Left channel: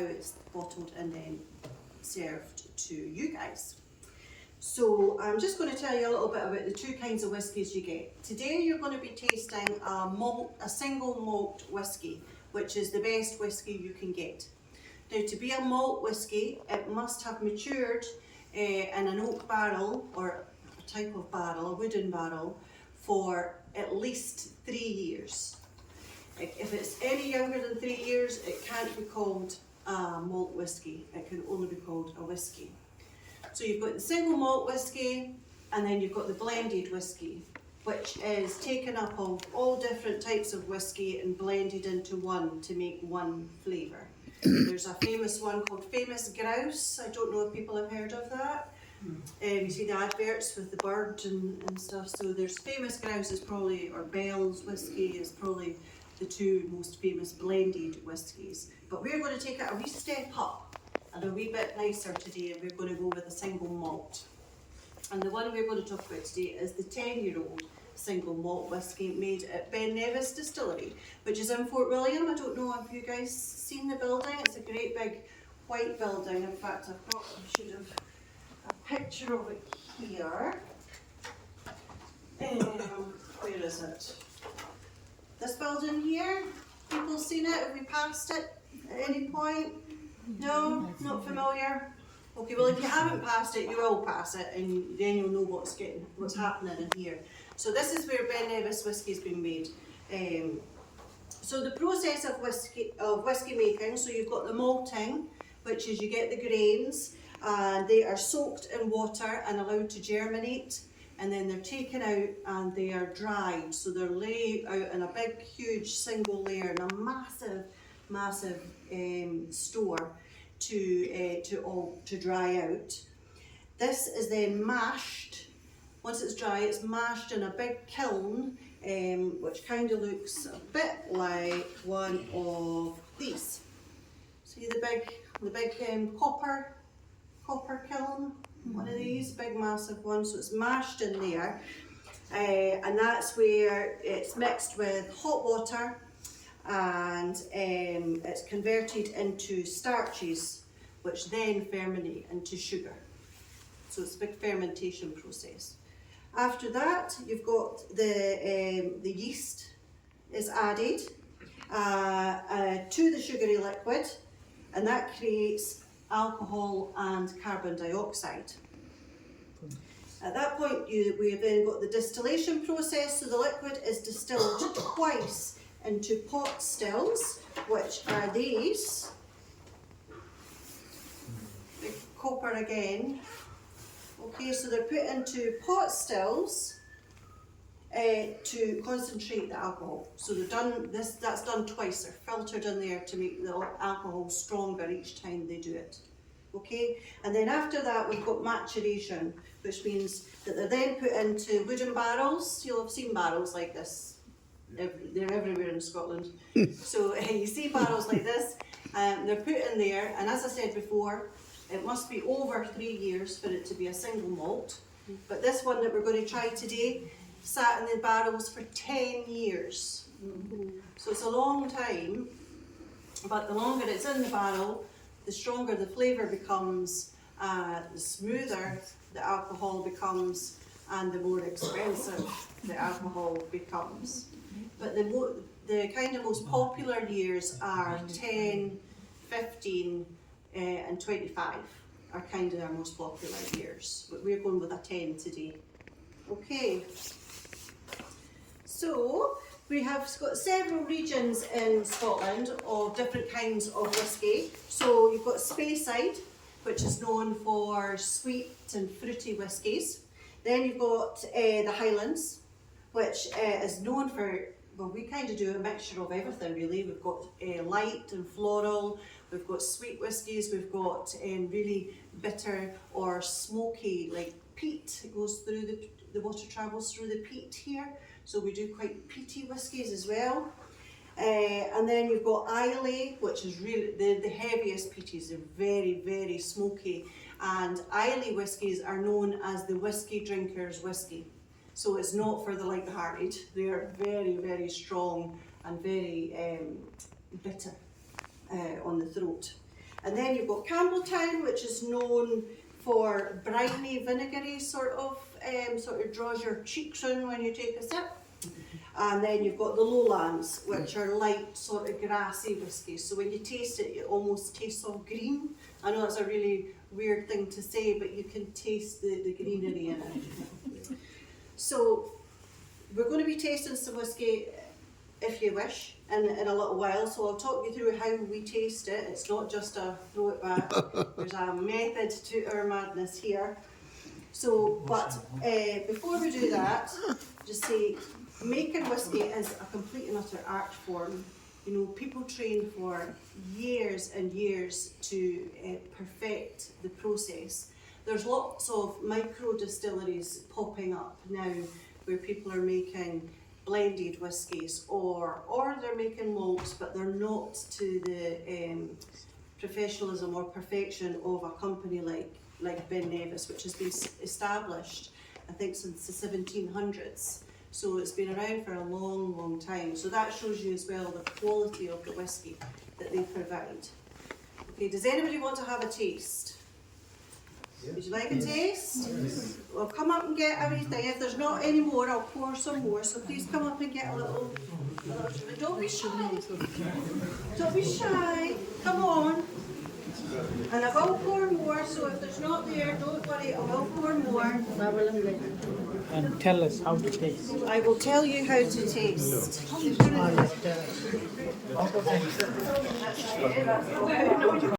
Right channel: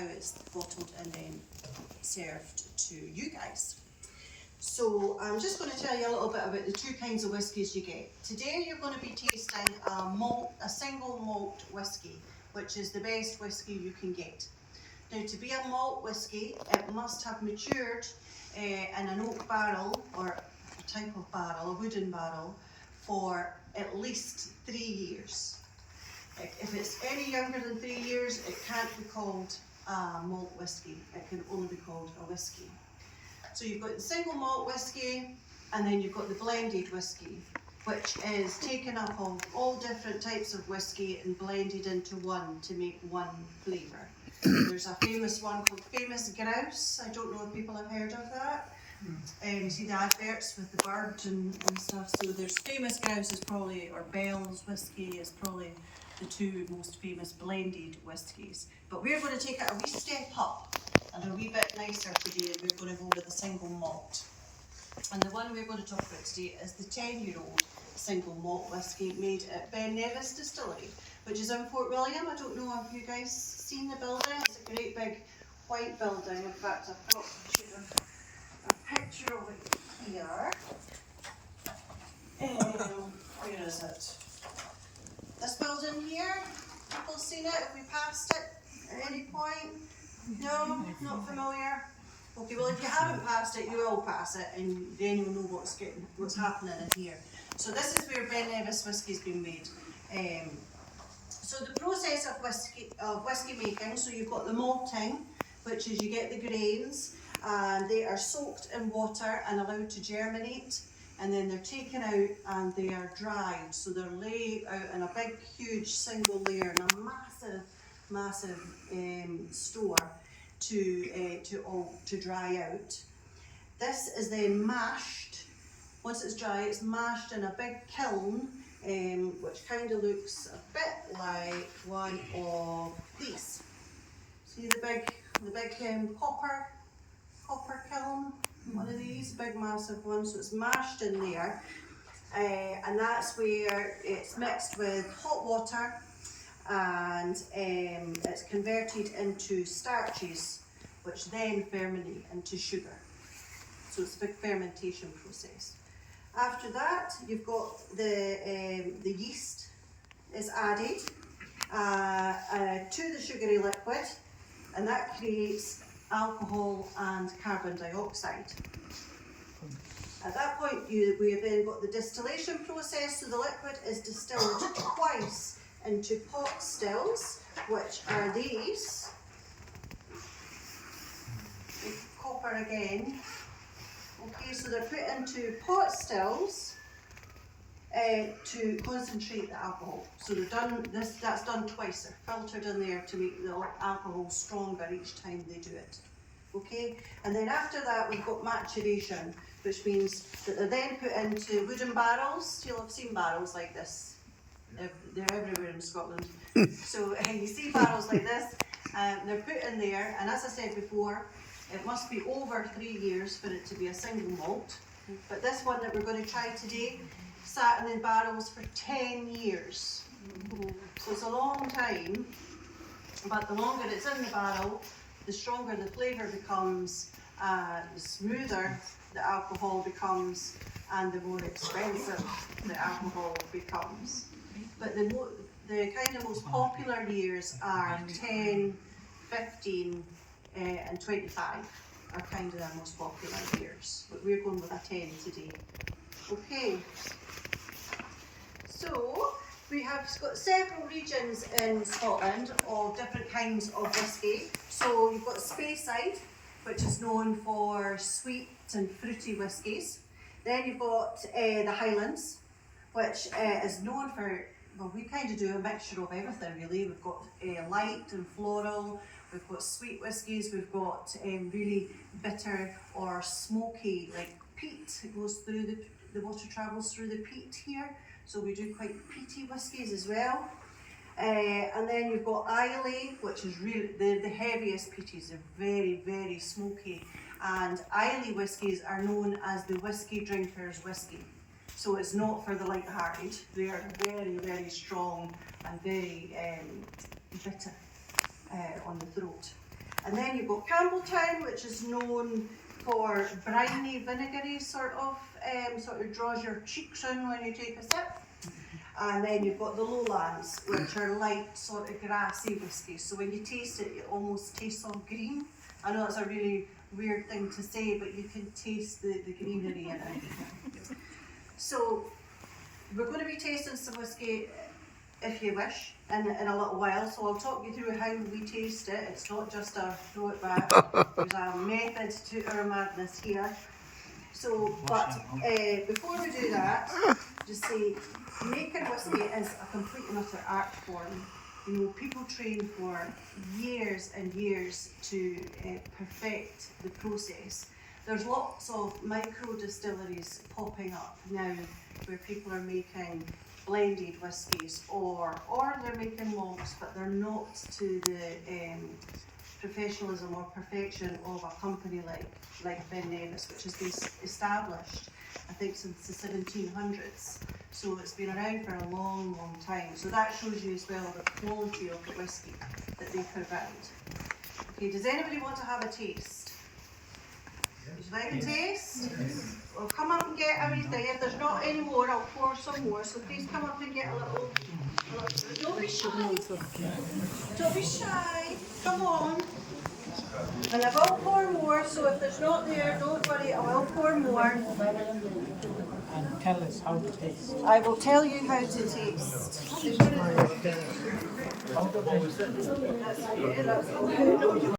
how it's bottled and then served to you guys. So I'm just going to tell you a little bit about the two kinds of whiskies you get. Today you're going to be tasting a single malt whisky, which is the best whisky you can get. Now, to be a malt whisky, it must have matured in an oak barrel, or a type of barrel, a wooden barrel, for at least 3 years. If it's any younger than 3 years, it can't be called malt whisky. It can only be called a whisky. So you've got the single malt whisky, and then you've got the blended whisky, which is taken up of all different types of whisky and blended into one to make one flavour. There's a famous one called Famous Grouse. I don't know if people have heard of that. You see the adverts with the bird and stuff. So there's Famous Grouse is probably, or Bell's whisky is probably the two most famous blended whiskies. But we're going to take it a wee step up and a wee bit nicer today, and we're going to go with a single malt. And the one we're going to talk about today is the 10-year-old single malt whisky made at Ben Nevis Distillery, which is in Fort William. I don't know if you guys seen the building. It's a great big white building. In fact, I've got a picture of it here. Where is it? This building here. People seen it? Have we passed it at any point? No, not familiar. Okay, well if you haven't passed it, you will pass it, and then you'll know what's happening in here. So this is where Ben Nevis whisky's been made. So the process of whisky making, so you've got the malting, which is you get the grains, and they are soaked in water and allowed to germinate, and then they're taken out and they are dried. So they're laid out in a big, huge single layer in a massive store to dry out. This is then mashed. Once it's dry, it's mashed in a big kiln, which kind of looks a bit like one of these. See the big copper kiln? One of these, big massive one. So it's mashed in there, and that's where it's mixed with hot water, and it's converted into starches, which then ferment into sugar. So it's a big fermentation process. After that, you've got the yeast is added to the sugary liquid, and that creates alcohol and carbon dioxide. At that point, we have then got the distillation process. So the liquid is distilled twice into pot stills, which are these. Big copper again. Okay, so they're put into pot stills to concentrate the alcohol. So they've done this. That's done twice. They're filtered in there to make the alcohol stronger each time they do it. Okay, and then after that we've got maturation, which means that they're then put into wooden barrels. You'll have seen barrels like this. They're everywhere in Scotland. So you see barrels like this, they're put in there, and as I said before, it must be over 3 years for it to be a single malt. But this one that we're going to try today sat in the barrels for 10 years. So it's a long time, but the longer it's in the barrel, the stronger the flavour becomes, the smoother the alcohol becomes, and the more expensive the alcohol becomes. But the kind of most popular years are 10, 15, and 25 are kind of our most popular years. But we're going with a 10 today. Okay. So we have got several regions in Scotland of different kinds of whisky. So you've got Speyside, which is known for sweet and fruity whiskies. Then you've got the Highlands, which is known for, well, we kind of do a mixture of everything really. We've got light and floral, we've got sweet whiskies, we've got really bitter or smoky, like peat. It goes through the water travels through the peat here. So we do quite peaty whiskies as well. And then you've got Islay, which is really the heaviest peaties. They're very, very smoky. And Islay whiskies are known as the whiskey drinker's whiskey. So it's not for the light-hearted. They're very, very strong and very bitter on the throat. And then you've got Campbelltown, which is known for briny, vinegary sort of draws your cheeks in when you take a sip. And then you've got the Lowlands, which are light, sort of grassy whiskies. So when you taste it, it almost tastes all green. I know that's a really weird thing to say, but you can taste the greenery in it. So we're going to be tasting some whiskey, if you wish, in a little while. So I'll talk you through how we taste it. It's not just a throw it back. There's a method to our madness here. So, but before we do that, just say, making whiskey is a complete and utter art form. You know, people train for years and years to perfect the process. There's lots of micro distilleries popping up now where people are making blended whiskies or they're making malts, but they're not to the professionalism or perfection of a company like Ben Nevis, which has been established, I think, since the 1700s. So it's been around for a long, long time. So that shows you as well the quality of the whiskey that they provide. Okay, does anybody want to have a taste? Would you like a taste? Yes. Well, come up and get everything. If there's not any more, I'll pour some more. So please come up and get a little. Don't be shy. Don't be shy. Come on. And I will pour more, so if there's not there, don't worry, I will pour more. And tell us how to taste. I will tell you how to taste.